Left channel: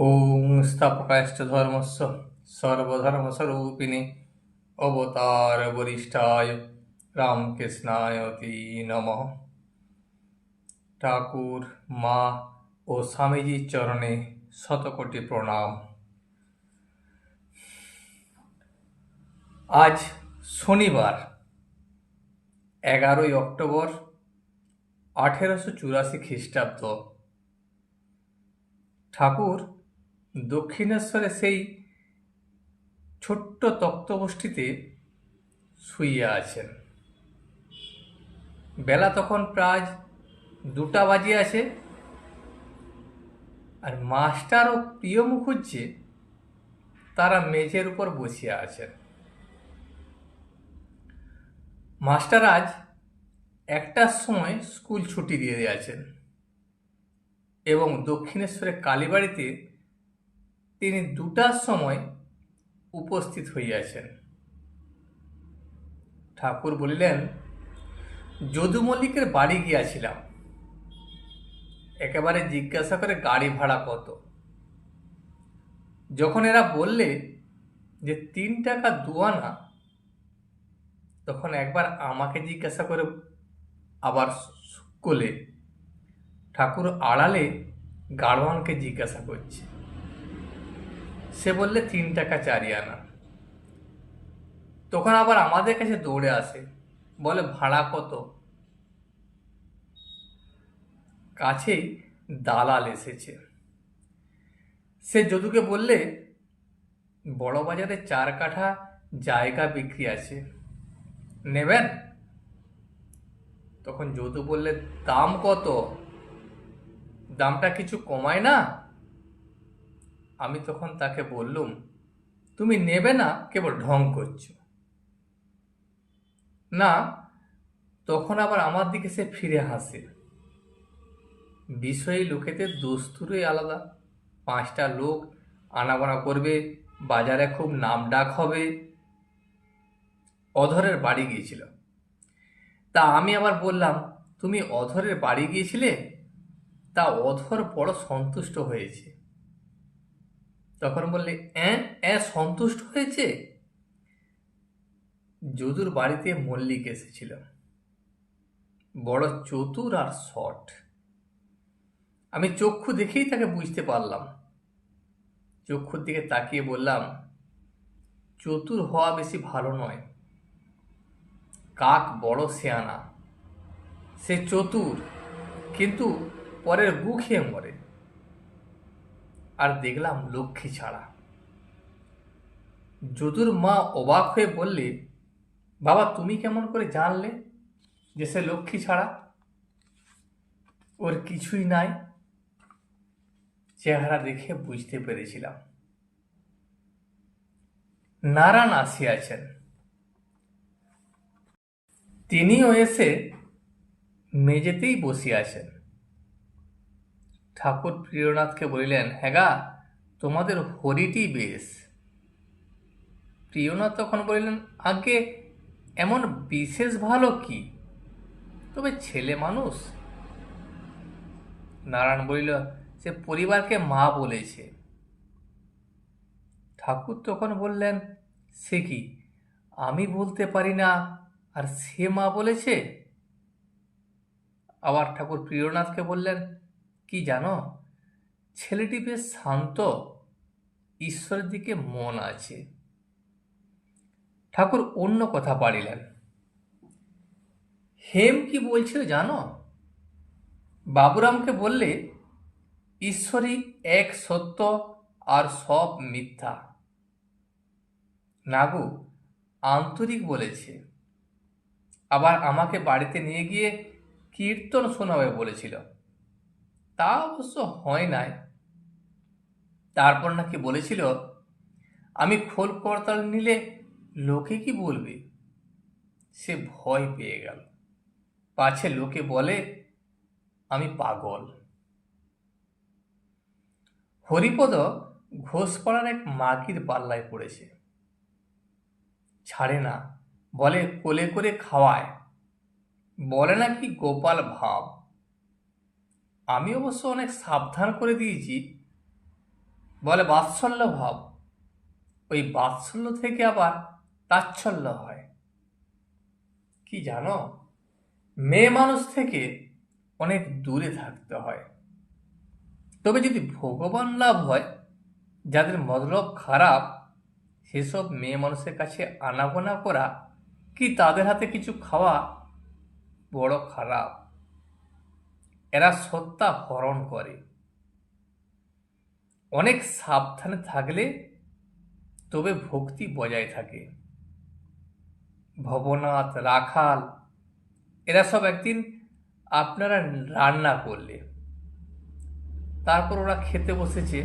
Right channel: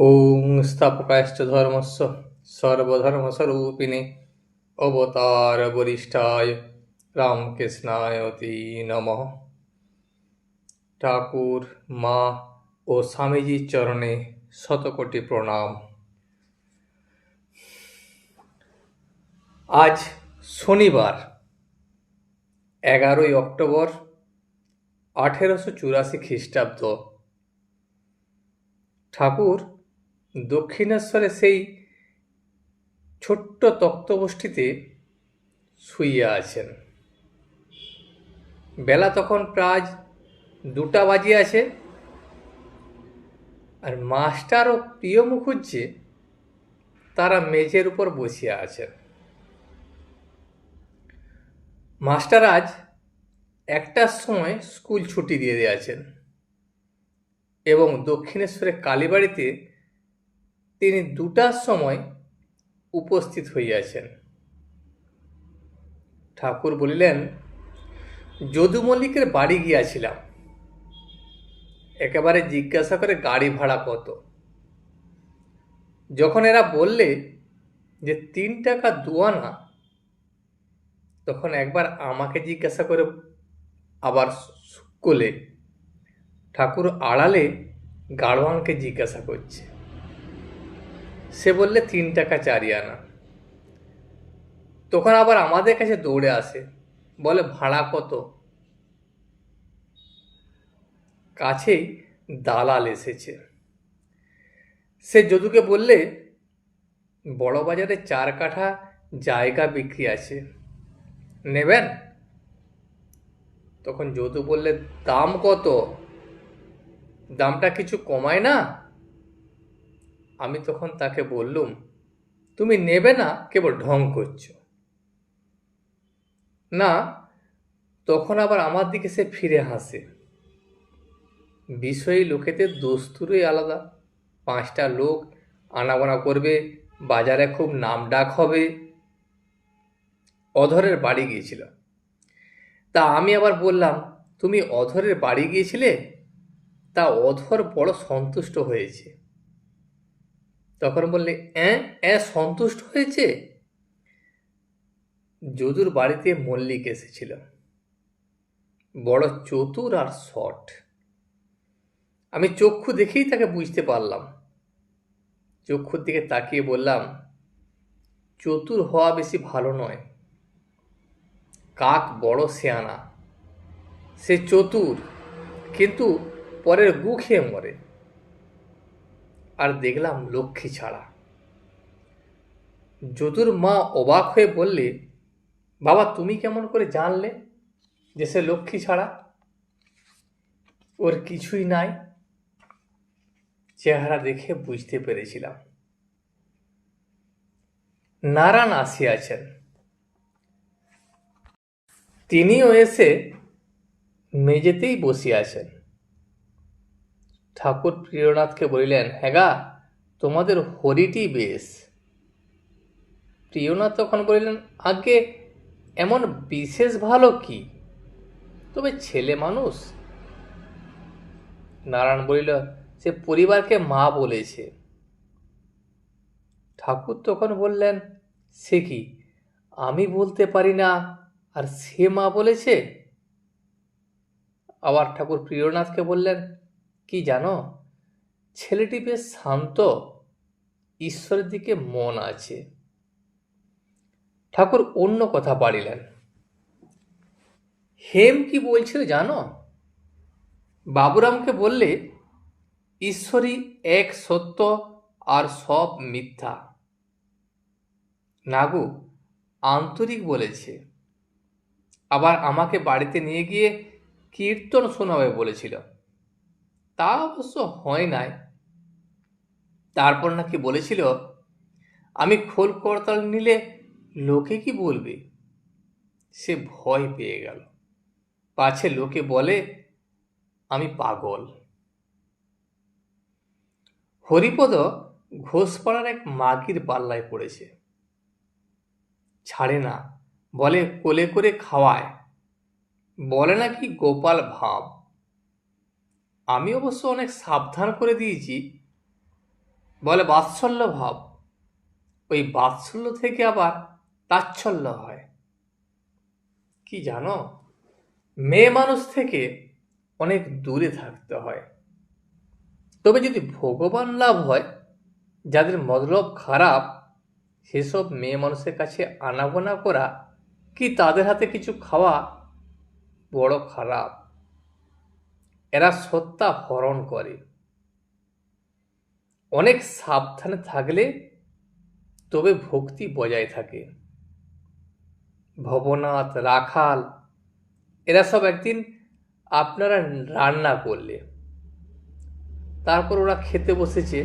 ওং স্থাপকায়শ্চ ধর্মস্য সর্বধর্মস্বরূপিণে অবতার বরিষ্ঠায় রামকৃষ্ণায় অতি নমঃ। ঠাকুর, মা ও স্বামীজির চরণে শতকোটি প্রণাম। আজ শনিবার 11ই অক্টোবর 1884 খ্রিস্টাব্দ। ঠাকুর দক্ষিণেশ্বরে সেই ছোট্ট তক্তপোষ্ঠীতে শুইয়া আছেন। বেলা তখন প্রায় 2টা বাজিয়াছে, আর মাস্টার ও প্রিয় মুখুজ্জে তারা মেঝের উপর বসিয়া আছেন। মাস্টার আজ 1টার সময় স্কুল ছুটি দিয়ে দিয়েছেন এবং দক্ষিণেশ্বরের কালীবাড়িতে তিনি 2টার সময় উপস্থিত হইয়াছেন। ঠাকুর বলিলেন, যদু মল্লিকের বাড়ি গিয়াছিলাম, একেবারে জিজ্ঞাসা করে গাড়ি ভাড়া কত। যখন এরা বললে যে 3 টাকা 2 আনা, তখন একবার আমাকে জিজ্ঞাসা করে আবার কোলে ঠাকুর আড়ালে গাড়োয়ানকে জিজ্ঞাসা করছে। সে বললে 3 টাকা 4 আনা। তখন আবার আমাদের কাছে দৌড়ে আসে, বলে ভাড়া কত। কাছেই দালাল এসেছে। সে যদুকে বললে, বড় বাজারে 4 কাঠা জায়গা বিক্রি আছে, নেবেন? তখন যদু বললে, দাম কত? দামটা কিছু কমায় না? আমি তখন তাকে বললুম, তুমি নেবে না, কেবল ঢং করছো না। তখন আবার আমার দিকে সে ফিরে হাসে। বিষয়ী লোকেদের দস্তুরই আলাদা। 5টা লোক আনাগোনা করবে, বাজারে খুব নামডাক হবে। অধরের বাড়ি গিয়েছিল। তা আমি আবার বললাম, তুমি অধরের বাড়ি গিয়েছিলে? তা অধর বড় সন্তুষ্ট হয়েছে। তখন বললে, সন্তুষ্ট হয়েছে? যদুর বাড়িতে মল্লিক এসেছিল, বড় চতুর আর শট। আমি চক্ষু দেখেই তাকে বুঝতে পারলাম। চক্ষুর দিকে তাকিয়ে বললাম, চতুর হওয়া বেশি ভালো নয়। কাক বড় শেয়ানা, সে চতুর, কিন্তু পরের গু খেয়ে মরে। আর দেখলাম লক্ষ্মী ছাড়া। যদুর মা অবাক হয়ে বললে, বাবা তুমি কেমন করে জানলে যে সে লক্ষ্মী ছাড়া? ওর কিছুই নাই। চেহারা দেখে বুঝতে পেরেছিলাম। নারায়ণ আসিয়াছেন। তিনিও এসে মেঝেতেই বসিয়াছেন। ঠাকুর প্রিয়নাথকে বলিলেন, হ্যাগা, তোমাদের হরিটি বেশ। প্রিয়নাথ তখন বলিলেন, আগে এমন বিশেষ ভালো কি, তবে ছেলে মানুষ। নারায়ণ বলিল, সে পরিবারকে মা বলেছে। ঠাকুর তখন বললেন, সে কি, আমি বলতে পারি না আর সে মা বলেছে? আবার ঠাকুর প্রিয়নাথকে বললেন, কি জানো, ছেলেটি বেশ শান্ত, ঈশ্বরের দিকে মন আছে। ঠাকুর অন্য কথা পাড়িলেন। হেম কি বলছিল জানো? বাবুরামকে বললে, ঈশ্বরই এক সত্য আর সব মিথ্যা। নাগু আন্তরিক বলেছে। আবার আমাকে বাড়িতে নিয়ে গিয়ে কীর্তন শোনাবে বলেছিল, তা অবশ্য হয় নাই। তারপর নাকি বলেছিল, আমি খোল করতাল নিলে লোকে কি বলবে। সে ভয় পেয়ে গেল, পাছে লোকে বলে আমি পাগল। হরিপদ ঘোষপাড়ার এক মাগির পাল্লায় পড়েছে। ছাড়ে না, বলে কোলে করে খাওয়ায়, বলে নাকি গোপাল ভাব। আমি অবশ্য অনেক সাবধান করে দিয়েছি, বলে বাৎসল্য ভাব, ওই বাৎসল্য থেকে আবার তাচ্ছল্য হয়। কি জানো, মেয়ে মানুষ থেকে অনেক দূরে থাকতে হয়। তবে যদি ভগবান লাভ হয়, যাদের মতলব খারাপ, সেসব মেয়ে মানুষের কাছে আনাগোনা করা কি তাদের হাতে কিছু খাওয়া বড় খারাপ। এরা সত্তা হরণ করে। অনেক সাবধানে থাকলে তবে ভক্তি বজায় থাকে। ভবনাথ, রাখাল, এরা সব একদিন আপনারা রান্না করলে, তারপর ওরা খেতে বসেছে,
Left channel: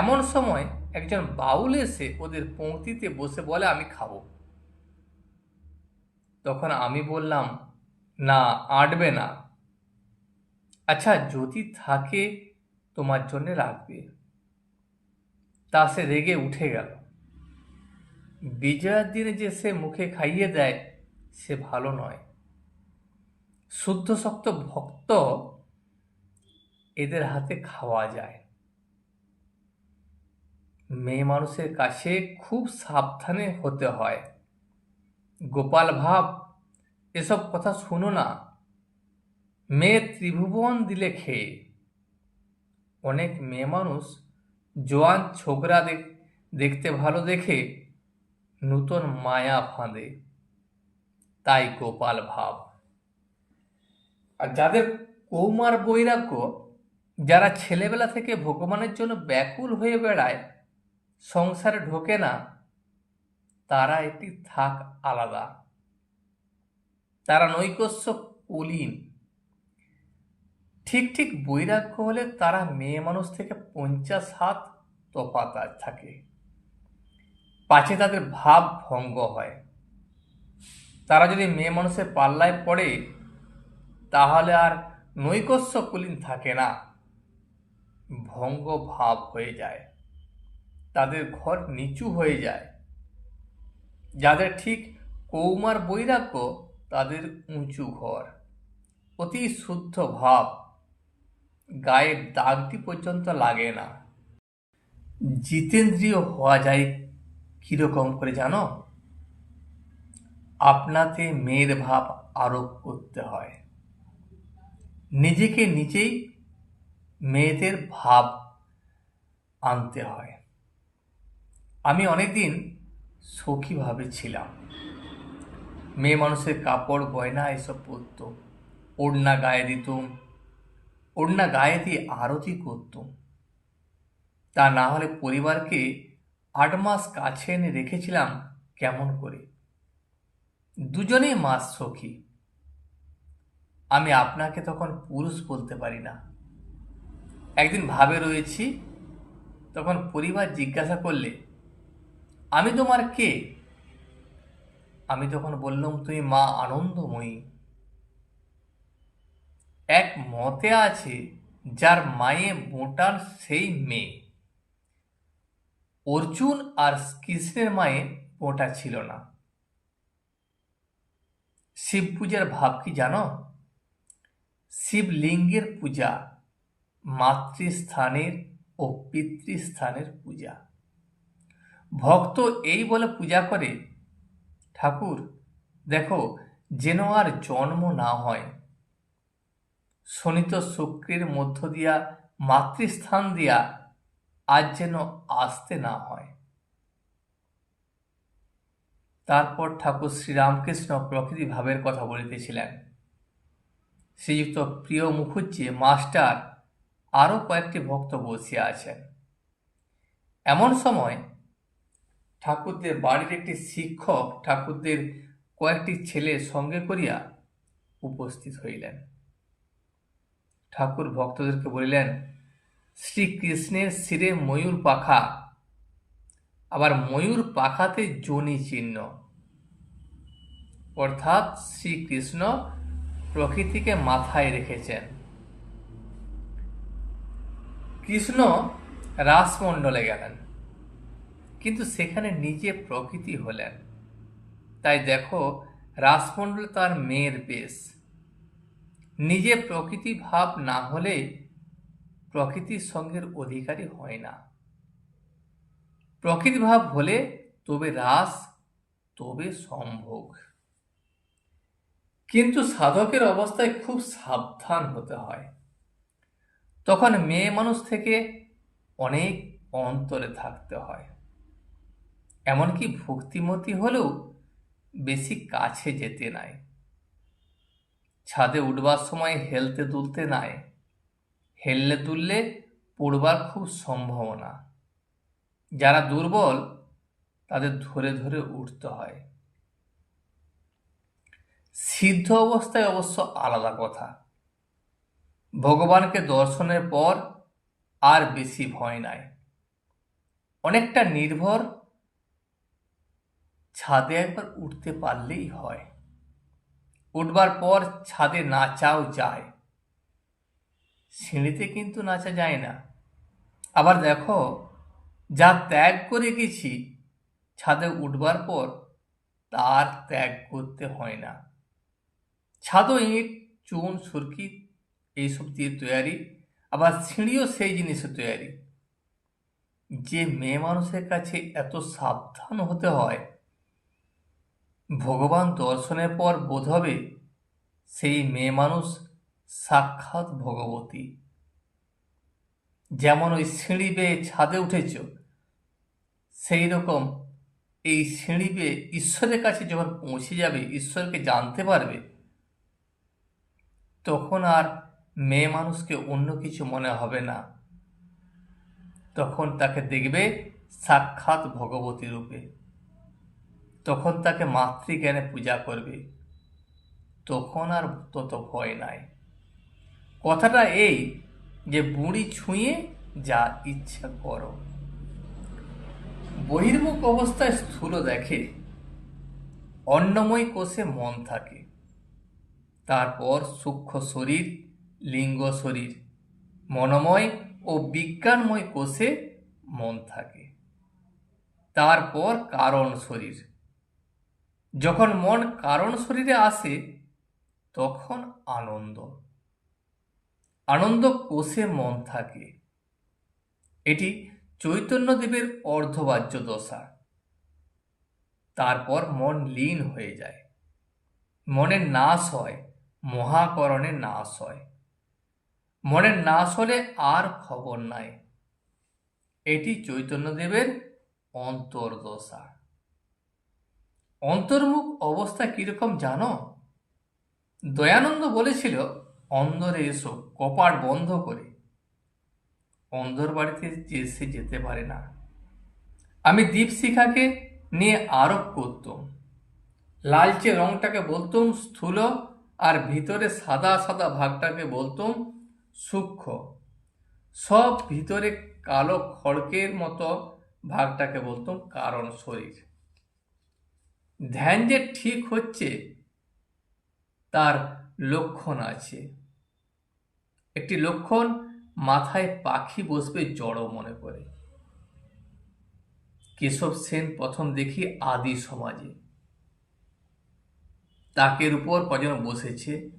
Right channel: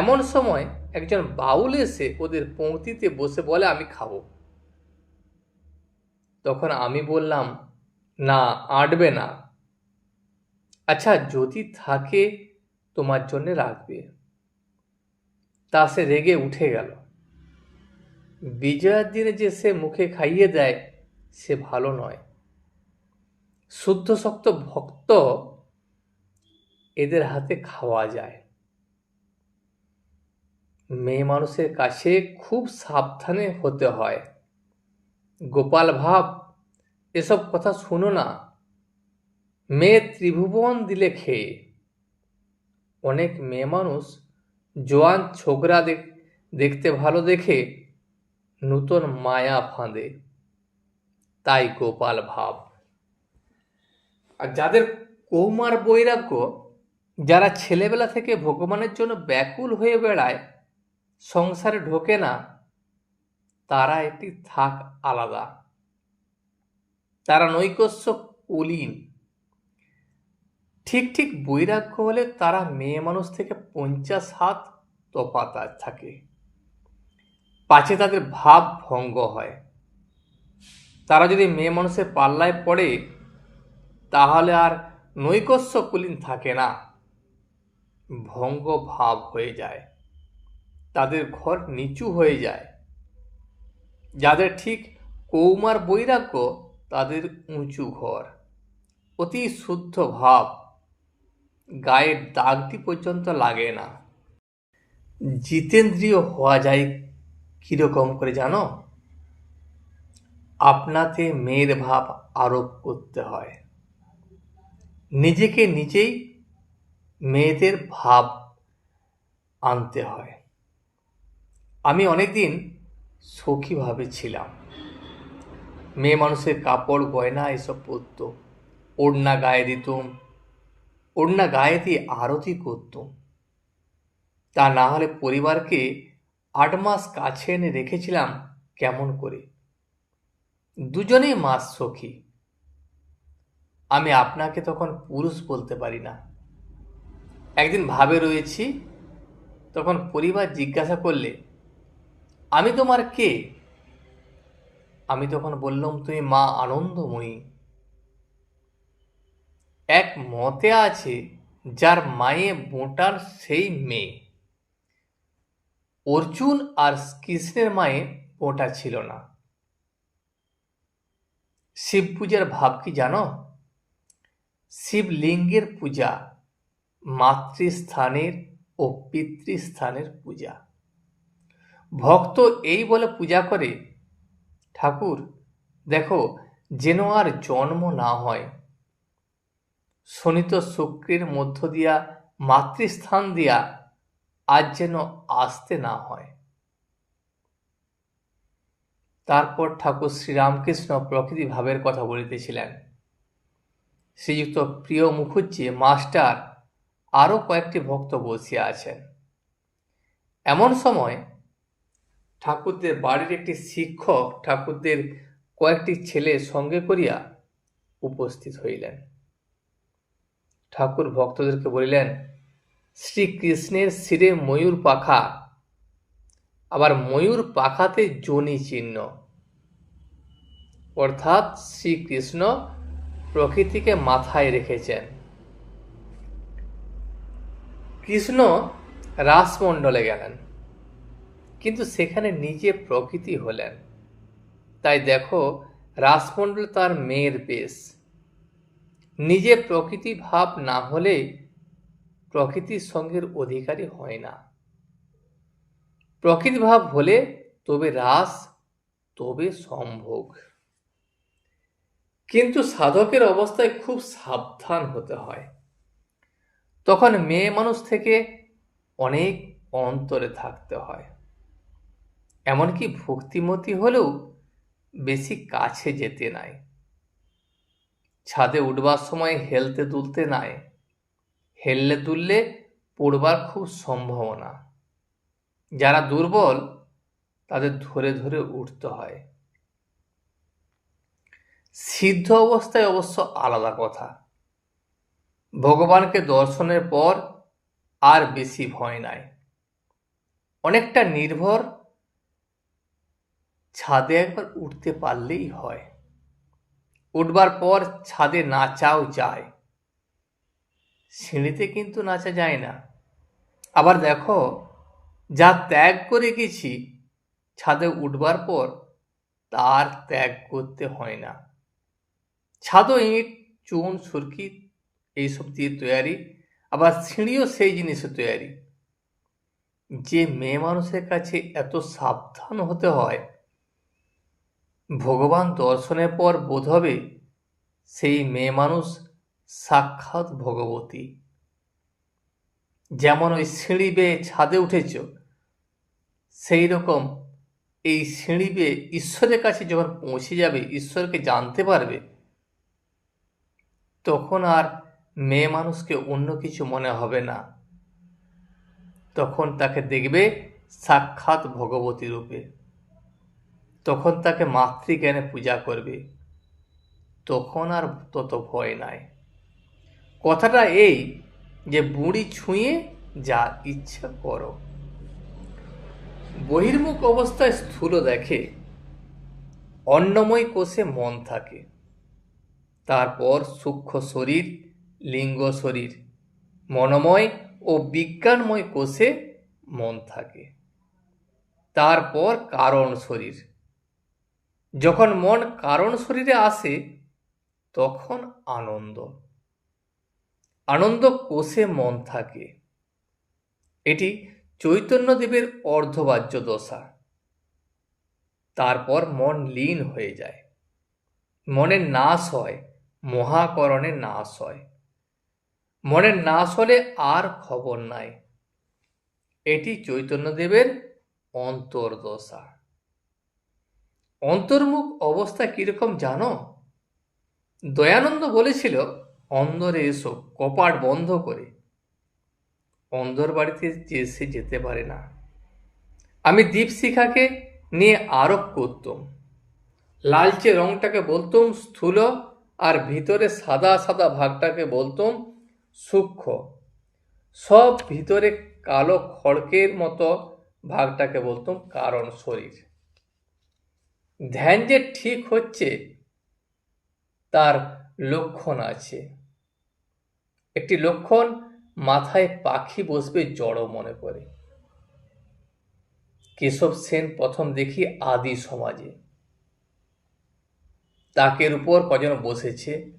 এমন সময় একজন বাউল এসে ওদের পংক্তিতে বসে বলে আমি খাবো। তখন আমি বললাম, না, আঁটবে না। আচ্ছা, যদি থাকে তোমার জন্য রাখবে। তা সে রেগে উঠে গেল। বিজয়ার দিনে যে সে মুখে খাইয়ে দেয়, সে ভালো নয়। শুদ্ধ শক্ত ভক্ত এদের হাতে খাওয়া যায়। মেয়ে মানুষের কাছে খুব সাবধানে হতে হয়। গোপাল ভাব, এসব কথা শুনো না। মেয়ে ত্রিভুবন দিলে খেয়ে। অনেক মেয়ে মানুষ জোয়ান ছোকরা দেখতে ভালো দেখে নূতন মায়া ফাঁদে, তাই গোপাল ভাব। আর যাদের কৌমার বৈরাগ্য, যারা ছেলেবেলা থেকে ভগবানের জন্য ব্যাকুল হয়ে বেড়ায়, সংসারে ঢোকে না, তারা একটি থাক আলাদা। তারা নৈকস্য কুলীন। ঠিক ঠিক বৈরাগ্য হলে তারা মেয়ে মানুষ থেকে 50 হাত তফাৎ থাকে, পাছে তাদের ভাব ভঙ্গ হয়। তারা যদি মেয়ে মানুষের পাল্লায় পড়ে, তাহলে আর নৈকস্য কুলীন থাকে না, ভঙ্গ ভাব হয়ে যায়। তাদের ঘর নিচু হয়ে যায়। যাদের ঠিক কৌমার বৈরাগ্য, তাদের উঁচু ঘর, অতি শুদ্ধ ভাব, গায়ের দাগটি পর্যন্ত লাগে না। জিতেন্দ্রীয় হওয়া যায় কিরকম করে জানো? আপনাতে মেয়ের ভাব আরোপ করতে হয়। নিজেকে নিজেই মেয়েদের ভাব আনতে হয়। আমি অনেকদিন সখীভাবে ছিলাম। মেয়ে মানুষের কাপড় গয়না এসব পরত, ওড়না গায়ে দিতুম, ওড়না গায়ে দিয়ে আরতি করতুম। তা না হলে পরিবারকে 8 মাস কাছে এনে রেখেছিলাম কেমন করে। দুজনেই মাস সখী। আমি আপনাকে তখন পুরুষ বলতে পারি না। একদিন ভাবে রয়েছি, তখন পরিবার জিজ্ঞাসা করলে, আমি তোমার কে? আমি তখন বললাম, তুমি মা আনন্দময়ী। এক মতে আছে, যার মায়ে বোঁটার সেই মেয়ে। অর্জুন আর কৃষ্ণের মায়ে বোঁটা ছিল না। শিব পূজার ভাব কি জানো? শিবলিঙ্গের পূজা, মাতৃস্থানের ও পিতৃস্থানের পূজা। ভক্ত এই বলে পূজা করে, ঠাকুর দেখো যেন আর জন্ম না হয়, শনিত শুক্রের মধ্য দিয়া মাতৃস্থান দিয়া আজ যেন আসতে না হয়। তারপর ঠাকুর শ্রীরামকৃষ্ণ প্রকৃতি ভাবের কথা বলিতেছিলেন। শ্রীযুক্ত প্রিয় মুখুজ্জি মাস্টার আরও কয়েকটি ভক্ত বসিয়া আছেন। এমন সময় ঠাকুরদের বাড়ির একটি শিক্ষক ঠাকুরদের কয়েকটি ছেলে সঙ্গে করিয়া উপস্থিত হইলেন। ঠাকুর ভক্তদেরকে বলিলেন, শ্রীকৃষ্ণের শিরে ময়ূর পাখা, আবার ময়ূর পাখাতে যোনি চিহ্ন, অর্থাৎ শ্রীকৃষ্ণ প্রকৃতিকে মাথায় রেখেছেন। কৃষ্ণ রাসমণ্ডলে গেলেন, কিন্তু সেখানে নিজে প্রকৃতি হলেন। তাই দেখো, রাসমণ্ডল তার মেয়ের বেশ। নিজে প্রকৃতি ভাব না হলে প্রকৃতির সঙ্গের অধিকারী হয় না। প্রকৃতিভাব হলে তবে রাস, তবে সম্ভোগ। কিন্তু সাধকের অবস্থায় খুব সাবধান হতে হয়। তখন মেয়ে মানুষ থেকে অনেক অন্তরে থাকতে হয়। এমনকি ভক্তিমতী হলেও বেশি কাছে যেতে নাই। ছাদে উঠবার সময় হেলতে দুলতে নাই। হেললে দুললে পড়বার খুব সম্ভাবনা। যারা দুর্বল তাদের ধরে ধরে উঠতে হয়। সিদ্ধ অবস্থায় অবশ্য আলাদা কথা। ভগবানকে দর্শনের পর আর বেশি ভয় নাই। অনেকটা নির্ভর, ছাদে একবার উঠতে পারলেই হয়। উঠবার পর ছাদে নাচাও যায়, সিঁড়িতে কিন্তু নাচা যায় না। আবার দেখো, যা ত্যাগ করে গেছি ছাদে উঠবার পর তার ত্যাগ করতে হয় না। ছাদও ইট, চুন, সুরকি এইসব দিয়ে তৈরি, আবার সিঁড়িও সেই জিনিসে তৈরি। যে মেয়ে মানুষের কাছে এত সাবধান হতে হয়, ভগবান দর্শনের পর বোধ হবে সেই মেয়ে মানুষ সাক্ষাৎ ভগবতী। যেমন ওই সিঁড়ি বেয়ে ছাদে উঠেছ, সেই রকম এই সিঁড়ি বেয়ে ঈশ্বরের কাছে যখন পৌঁছে যাবে, ঈশ্বরকে জানতে পারবে, তখন আর মেয়ে মানুষকে অন্য কিছু মনে হবে না। তখন তাকে দেখবে সাক্ষাৎ ভগবতী রূপে। তখন তাকে মাতৃজ্ঞানে পূজা করবে। তখন আর তত ভয় নাই। কথাটা এই যে বুড়ি ছুঁয়ে যা ইচ্ছা করো। বহির্মুখ অবস্থায় স্থূল দেখে, অন্নময় কোষে মন থাকে। তারপর সূক্ষ্ম শরীর, লিঙ্গ শরীর, মনোময় ও বিজ্ঞানময় কোষে মন থাকে। তারপর কারণ শরীর। যখন মন কারণ শরীরে আসে তখন আনন্দ। আনন্দ কোষে মন থাকে। এটি চৈতন্যদেবের অর্ধবাহ্য দশা। তারপর মন লীন হয়ে যায়। মনের নাশ হয়, মহাকরণের নাশ হয়। মনের নাশ হলে আর খবর নাই। এটি চৈতন্যদেবের অন্তর্দশা। অন্তর্মুখ অবস্থা কিরকম জানো? দয়ানন্দ বলেছিল, অন্দরে এসো, কপাট বন্ধ করে। অন্দর বাড়িতে সে যেতে পারে না। আমি দীপশিখাকে নিয়ে আরোপ করতাম। লালচে রংটাকে বলতুম স্থূল, আর ভিতরে সাদা সাদা ভাগটাকে বলতুম সূক্ষ্ম। সব ভিতরে কালো খড়কের মতো ভাগটাকে বলতুম কারণ শরীর। ধ্যান যে ঠিক হচ্ছে তার লক্ষণ আছে। একটি লক্ষণ, মাথায় পাখি বসবে জড় মনে করে। কেশব সেন প্রথম দেখি আদি সমাজে। তাকের উপর কজন বসেছে,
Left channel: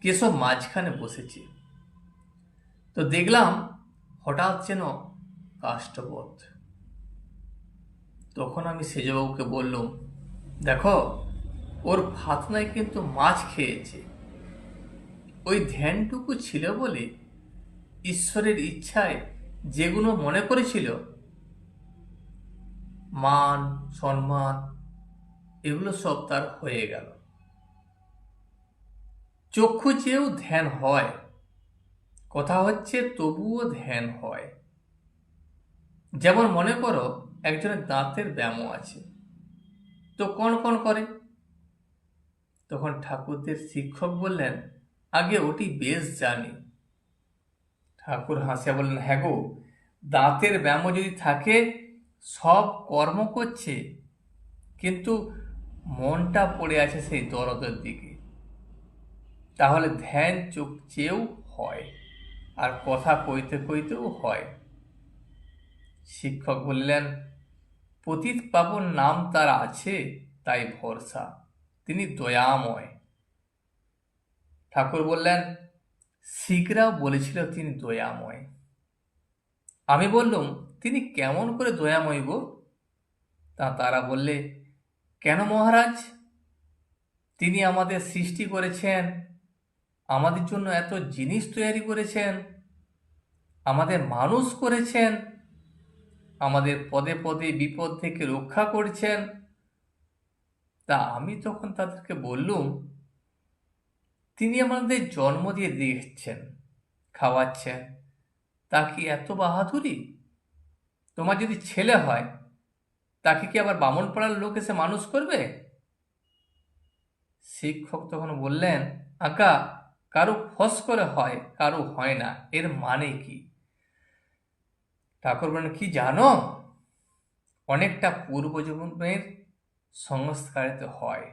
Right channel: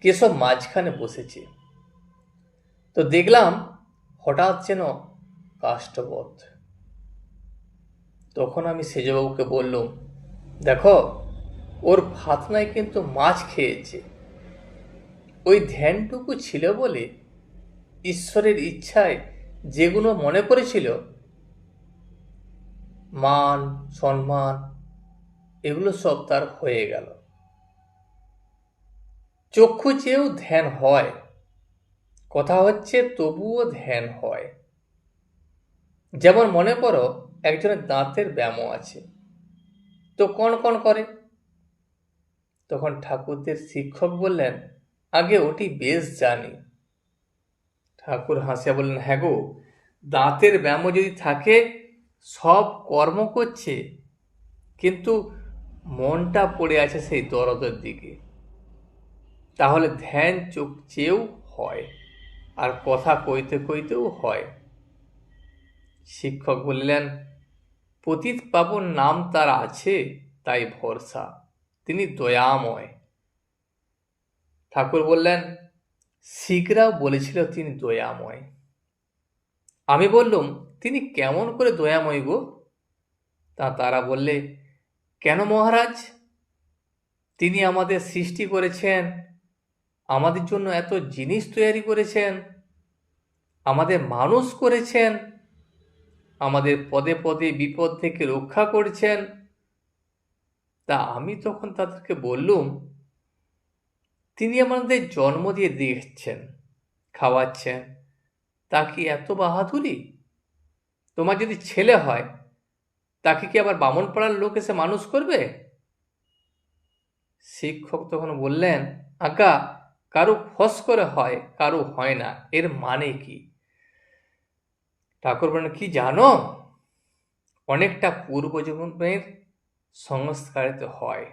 কেশব মাঝখানে বসেছে। তো দেখলাম হঠাৎ যেন কাষ্ঠবধ। তখন আমি সেজবাবুকে বললুম, দেখো, ওর ফাতনায় কিন্তু মাছ খেয়েছে। ওই ধ্যানটুকু ছিল বলে ঈশ্বরের ইচ্ছায় যেগুলো মনে করেছিল, মান সম্মান, এগুলো সব তার হয়ে গেল। চক্ষু চেয়েও ধ্যান হয়, কথা হচ্ছে তবুও ধ্যান হয়। যেমন মনে করো একজনের দাঁতের ব্যামো আছে, তো কণ কণ করে। তখন ঠাকুরদের শিক্ষক বললেন, আগে ওটি বেশ জানি। ঠাকুর হাসিয়া বললেন, হ্যাঁ গো, দাঁতের ব্যামো যদি থাকে, সব কর্ম করছে, কিন্তু মনটা পড়ে আছে সেই দরদের দিকে, তাহলে ধ্যান চোখ চেয়েও হয়, আর কথা কইতে কইতেও হয়। শিক্ষক বললেন, পতিত পাবন নাম তার আছে, তাই ভরসা, তিনি দয়াময়। ঠাকুর বললেন, শিখরাও বলেছিল তিনি দয়াময়। আমি বললুম, তিনি কেমন করে দয়াময় গো? তারা বললে, কেন মহারাজ? তিনি আমাদের সৃষ্টি করেছেন, আমাদের জন্য এত জিনিস তৈরি করেছেন, আমাদের মানুষ করেছেন, আমাদের পদে পদে বিপদ থেকে রক্ষা করছেন। তা আমি তখন তাদেরকে বললুম, তিনি আমাদের জন্ম দিয়ে দিচ্ছেন, খাওয়াচ্ছেন, তা কি এত বাহাদুরি? তোমার যদি ছেলে হয়, তাকে কি আবার বামনপাড়ার লোক এসে মানুষ করবে? শিক্ষক তখন বললেন, আজ্ঞা, কারু ফস করে হয়, কারু হয় না, এর মানে কি? ঠাকুর বলেন, কি জানো? অনেকটা পূর্বজন্মের সংস্কারেতে হয়।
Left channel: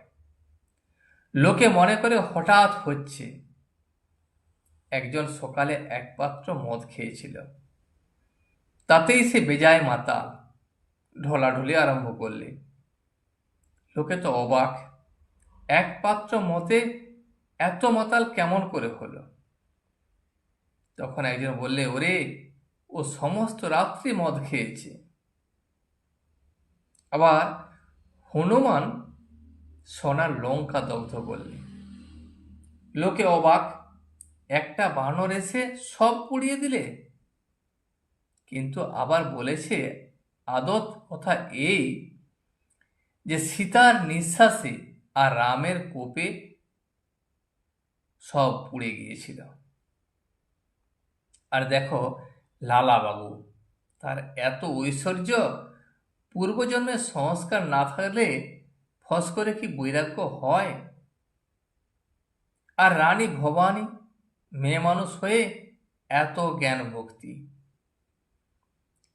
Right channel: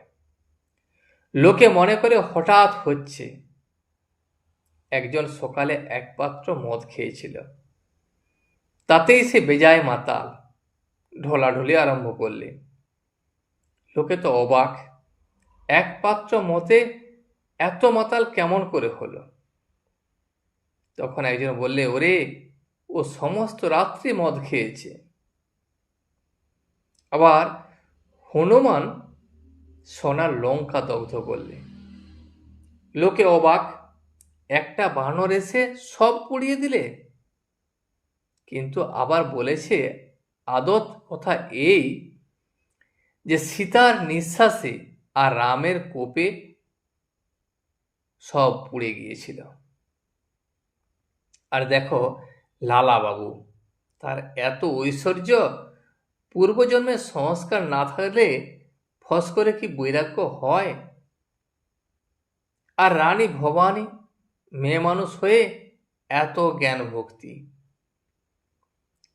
লোকে মনে করে হঠাৎ হচ্ছে। একজন সকালে এক পাত্র মদ খেয়েছিল, তাতেই সে বেজায় মাতাল, ঢলাঢলি আরম্ভ করলে। লোকে তো অবাক, এক পাত্র মদে এত মাতাল কেমন করে হলো? তখন একজন বললে, ওরে, ও সমস্ত রাত্রি মদ খেয়েছে। আবার হনুমান সোনার লঙ্কা দগ্ধ করলে। লোকে অবাক, একটা বানর এসে সব পুড়িয়ে দিলে। কিন্তু আবার বলেছে আদত কথা এই যে সীতার নিঃশ্বাসে আর রামের কোপে সব পুড়ে গিয়েছিল। আর দেখো লালা বাবু, তার এত ঐশ্বর্য, পূর্বজন্মের সংস্কার না থাকলে ফস করে কি বৈরাগ্য হয়? আর রানী ভবানী মেয়ে মানুষ হয়ে এত জ্ঞান ভক্তি।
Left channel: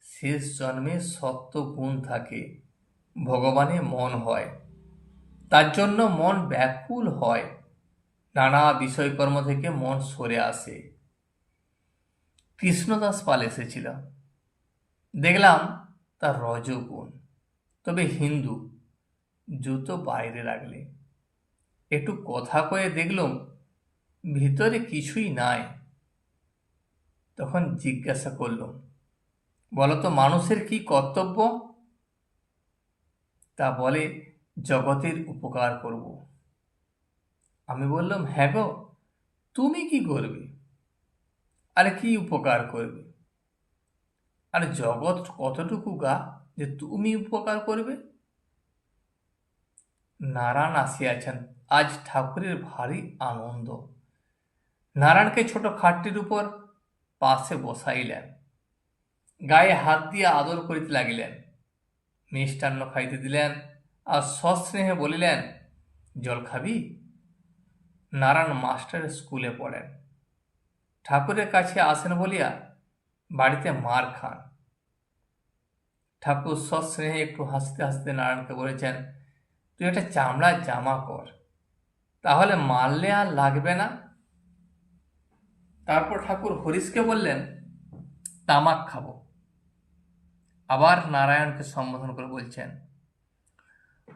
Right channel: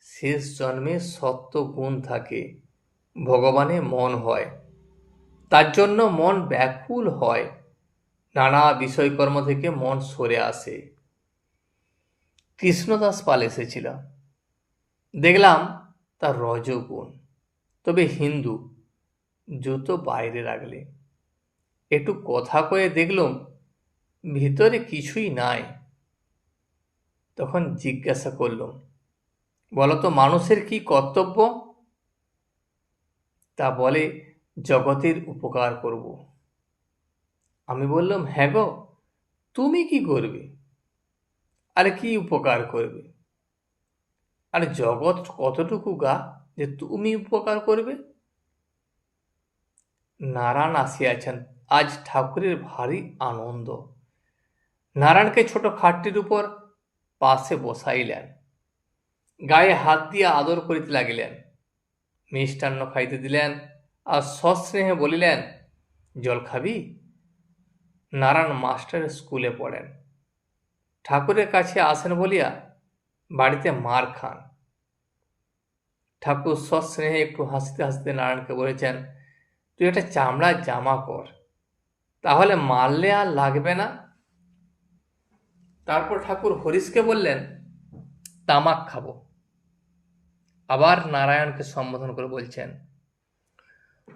শেষ জন্মে সত্য গুণ থাকে, ভগবানে মন হয়, তার জন্য মন ব্যাকুল হয়, নানা বিষয়কর্ম থেকে মন সরে আসে। কৃষ্ণদাস পাল এসেছিল, দেখলাম তার রজগুণ, তবে হিন্দু, জুতো বাইরে রাখলে। একটু কথা কয়ে দেখলাম ভিতরে কিছুই নাই। তখন জিজ্ঞাসা করলাম, বলতো মানুষের কি কর্তব্য? তা বলে, জগতের উপকার করব। আমি বললাম, হ্যাঁ গো, তুমি কি করবে? আরে কি উপকার করবে? আরে জগৎ কতটুকু গা যে তুমি উপকার করবে? নারায়ণ আসিয়াছেন, আজ ঠাকুরের ভারী আনন্দ। নারায়ণকে ছোট খাটটির উপর পাশে বসাইলেন, গায়ে হাত দিয়ে আদর করিতে লাগিলেন, মিষ্টান্ন খাইতে দিলেন, আর সস্নেহে বলিলেন, জল খাবি? নারায়ণ মাস্টারের স্কুলে পড়েন, ঠাকুরের কাছে আসেন বলিয়া বাড়িতে মার খান। ঠাকুর সস্নেহে একটু হাসতে হাসতে নারায়ণকে বলেছেন, তুই একটা চামড়ার জামা কর, তাহলে মারলে আর লাগবে না। তারপর ঠাকুর হরিশকে বললেন, তামাক খাবো। আবার নারায়ণকে সম্বোধন করে বলছেন,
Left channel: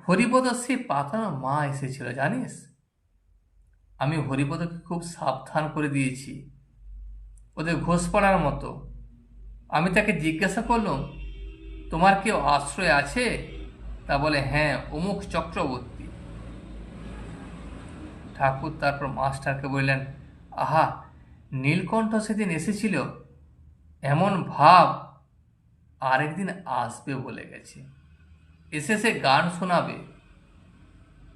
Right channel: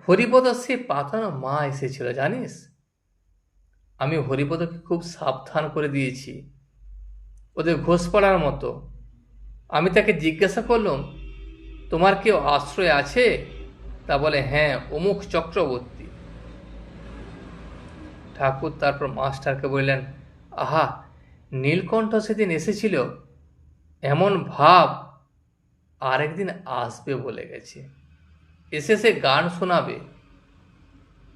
হরিপদ সে পাতানো মা এসেছিল জানিস? আমি হরিপদকে খুব সাবধান করে দিয়েছি, ওদের ঘোষ পড়ার মতো। আমি তাকে জিজ্ঞাসা করলাম, তোমার কেউ আশ্রয় আছে? তা বলে, হ্যাঁ, অমুক চক্রবর্তী। ঠাকুর তারপর মাস্টারকে বললেন, আহা, নীলকণ্ঠ সেদিন এসেছিল, এমন ভাব আরেকদিন আসবে বলে গেছে, এসে সে গান শোনাবে।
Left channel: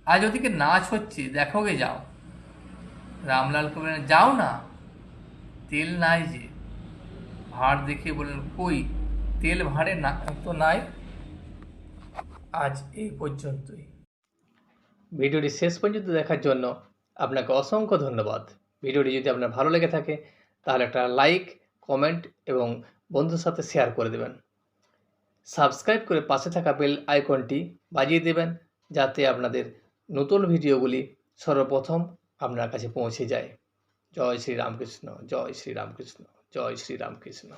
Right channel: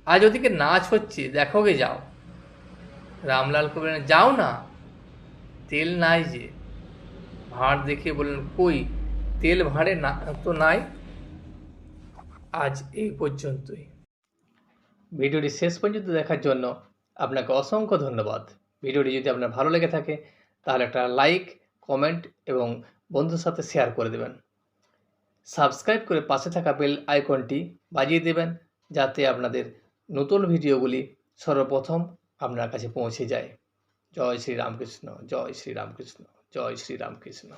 আজ ওদিকে নাচ হচ্ছে, দেখোগে যাও। রামলালকে বললেন, যাও না, তেল নাই যে। ভাঁড় দেখিয়ে বললেন, কই তেল ভাঁড়ে না তো নাই। আজ এই পর্যন্তই। ভিডিওটি শেষ পর্যন্ত দেখার জন্য আপনাকে অসংখ্য ধন্যবাদ। ভিডিওটি যদি আপনার ভালো লেগে থাকে তাহলে একটা লাইক, কমেন্ট এবং বন্ধুর সাথে শেয়ার করে দেবেন। সাবস্ক্রাইব করে পাশে থাকা বেল আইকনটি বাজিয়ে দেবেন, যাতে আপনাদের নতুন ভিডিওগুলি সর্বপ্রথম আপনার কাছে পৌঁছে যায়। জয় শ্রী রামকৃষ্ণ, জয় শ্রী রামকৃষ্ণ, জয় শ্রী রামকৃষ্ণ।